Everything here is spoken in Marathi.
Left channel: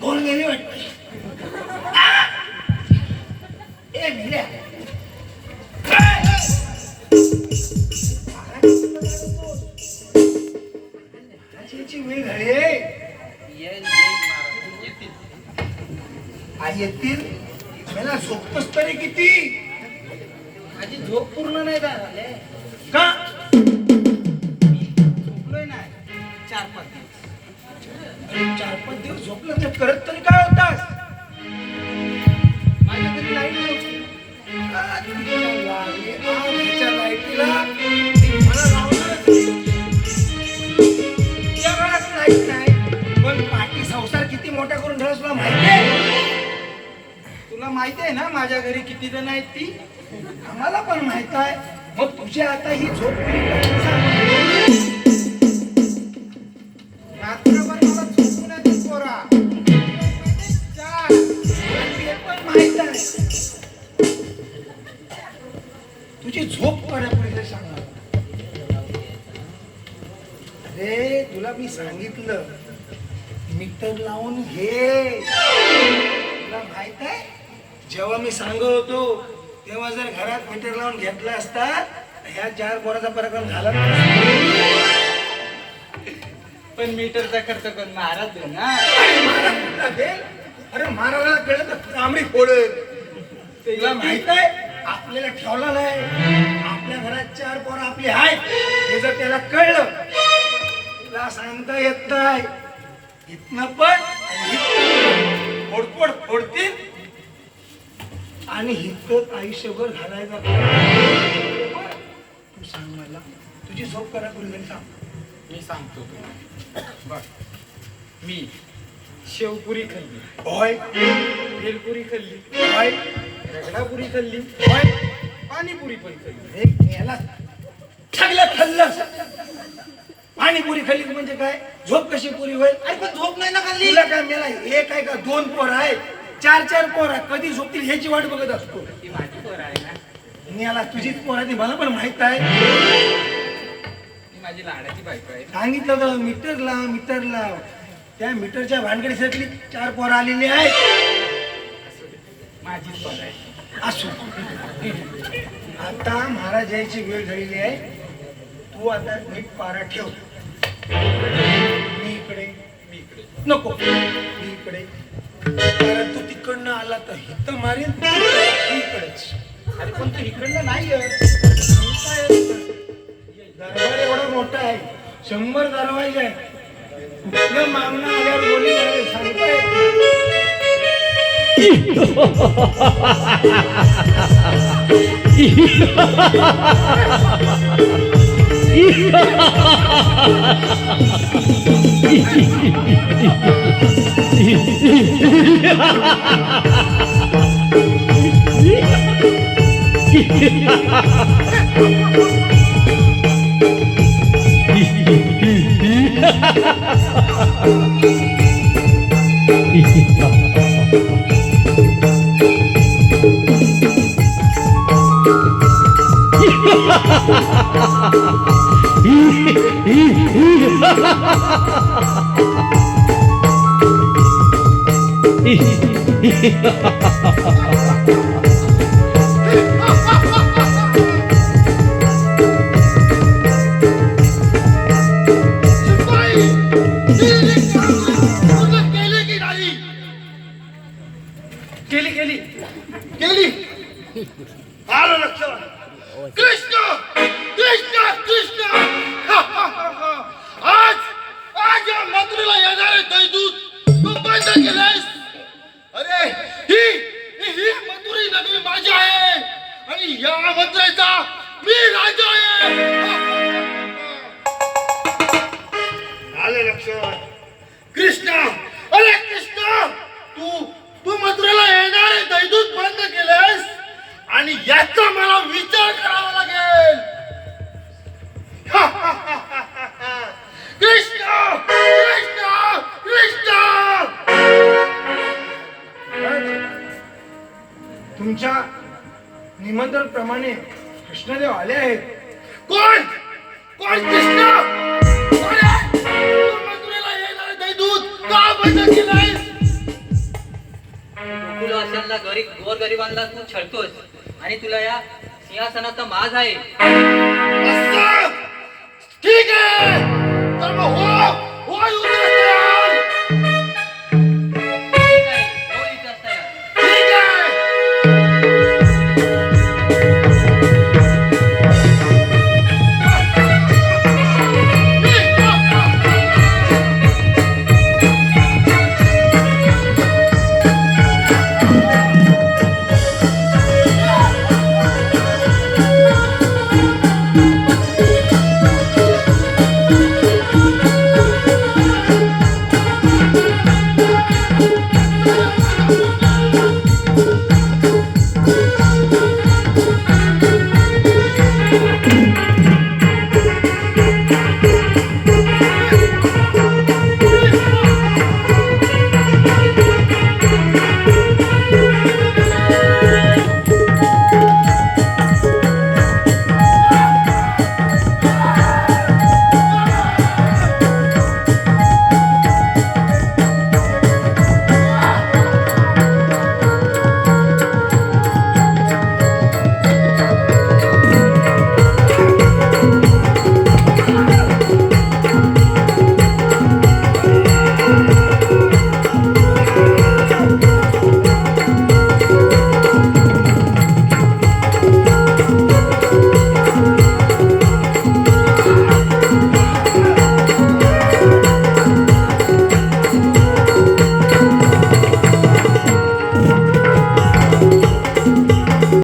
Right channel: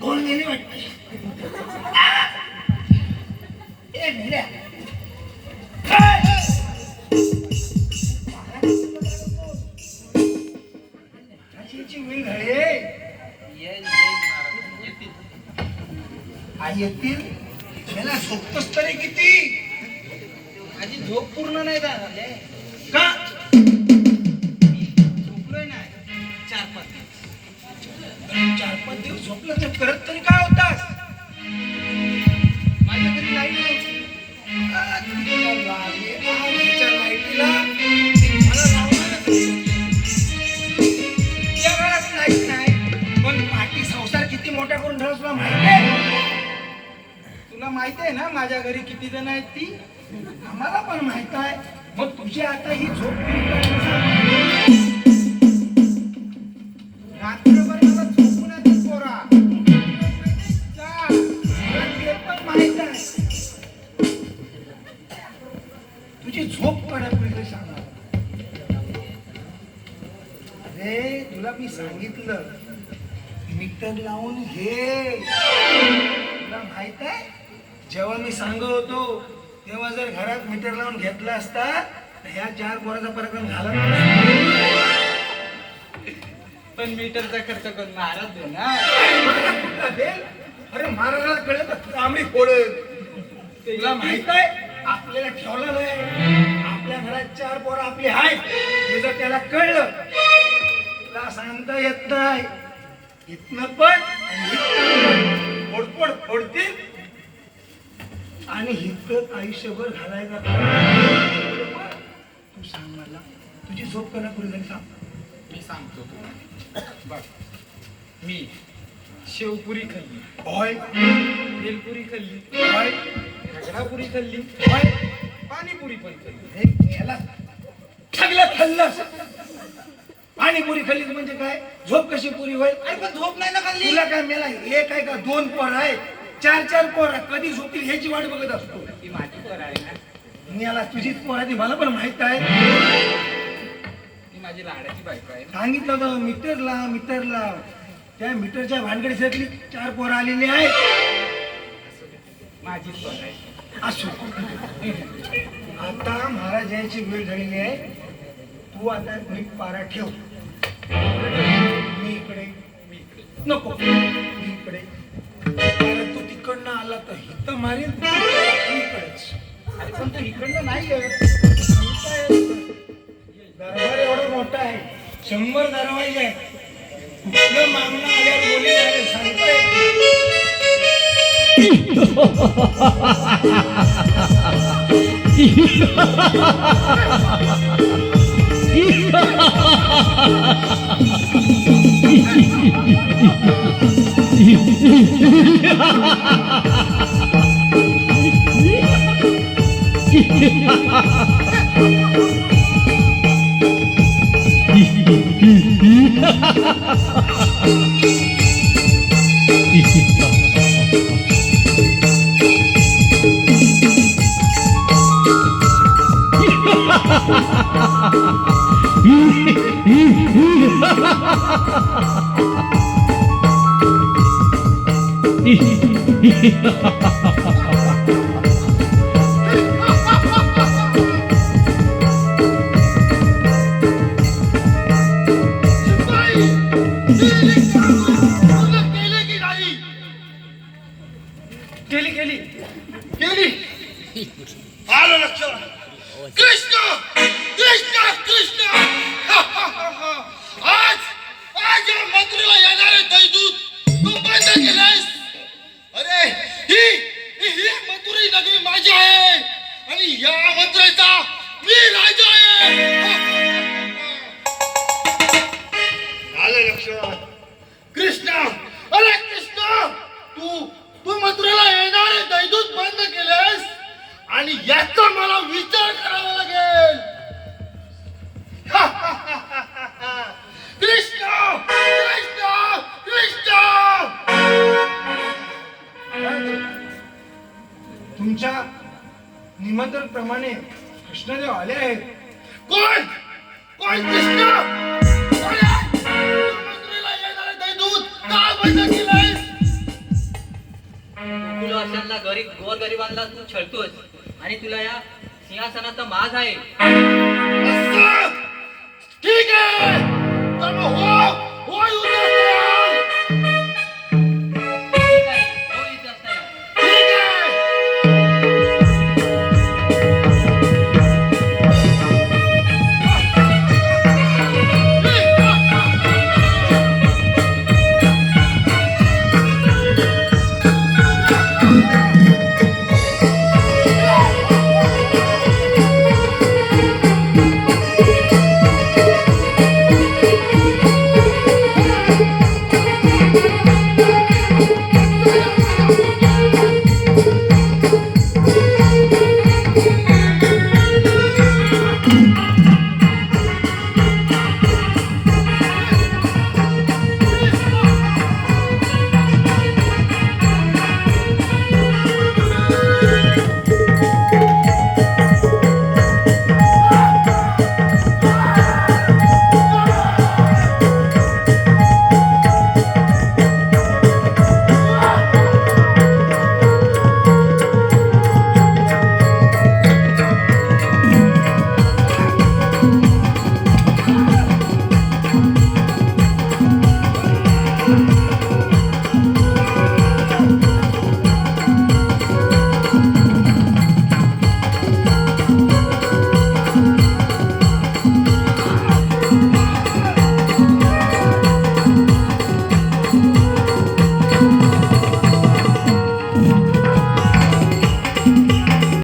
गोल गेली वाटत. ए भिड्या वेळ घरी येतील मला झोपतोस तरी किती. माझी झोप पूर्ण नाही झाले का झोपलोय नाही 4-5 दिवस. 4-5 दिवस झोपलं तर करत तरी काय होतास. माझ्या घरी लाईट नव्हती. लाईटीला मला लाईट नाही पण पाठी संसार किती मोठा करून ठेवस तुला माहिती आहे. तुला माहिती आहे ना माझ्या घरी किती जण आहेत ती. आम्हाला पण माहित आहे. मग तुझी आता ही झोप रात्रभर मला झोपून येते पोरा. पण माहित आहे तुझी झोप पडायला सांगा. अरे तुला मी सांगितलं मीटर लावून घे. तुला माहित आहे जेव्हा मी सांगत होतो तेव्हा जर घरात मीटर लावून घेतलं असता तर ह्या 4 पोराचा पराक्रम झाला. पण मीटरचा खर्च करून महाराज देणार. अरे महाराजाला कळलं तर तांबडी फोडेल. तुला माहित आहे आपल्याला ठेवला नाही. आपल्या घरात 4 पोरं आपली आहेत हे जर त्याला कळलं तुला सांगता येत नाही. इथनं पण आणि इथनं फोडफोड फोडतील आणि हिथं आयुष्यभर घालायचा. तू सांग मला तुझी झोप करा पुढे घरी सांग. मी सांगतो तुला बघ. मी शेवपुरी खाल्ली, होय भेलपुरी खाल्ली, होय रगडापुरी खाल्ली, होय पाणीपुरी पण खाल्ली. हे याला सगळं खाल्लं. पाणीपुरी खाल्ली म्हणजे काय झोप कशी पुरी होईल. अरे पण झोप नाही ना खाल्ली. तुला काय मेला एक आहे का 2 पोर आहेत 4 पोर आहे कधी झोपतील ह्याची वाट बघत असतो. ती माझी पोर आहे ना. मी याला तुझीच पोर आहे मला पण माहित आहे. ती माझी लाडाची बायको आहे. सांगितलं तर मीटर लाव त्या मीटरच्या भानगडीसाठी 4 पोरं आलेली आहेत. माझीच पोर आहे. असो आता महाराज यायची वेळ झालेली आहे. तू आता नीट पारा ठेव. मी इकडे नको मी इकडे. कारण तू तिकडनं आला तर हिथं मारेल इकडेच. अरे पण तू इकडनं नाही येत. दरबार एवढा मोठा आहे 100 दरवाजे आहे. कुठलं मागणं आल्यावर बोली सांगता आलं लक्षात. कृष्ण कृष्ण कृष्ण आज आज या मथुरेला येणारे दैदूत तू बंद केलास. अरे ही मथुरी नगरी माझी आहे आणि या मथुरेचा मी राजा आहे. आलं लक्षात. कृष्ण अरे कृष्ण तू मथुरेला येणारे दैदूत बंद केलेस आणि याचा मला विचार करावा लागेल. कृष्ण कृष्ण कृष्ण. तुमच्या निमंत्रण प्रमाणे कृष्णदेव आले आहेत. कोण कोण कृष्ण कोण आहे? तू मथुरेला येणारे दैदूत का बंद केलायस. गोरगरिबांना तू छळतोस आणि तुला या सिंहासनाचा माज आहे. असं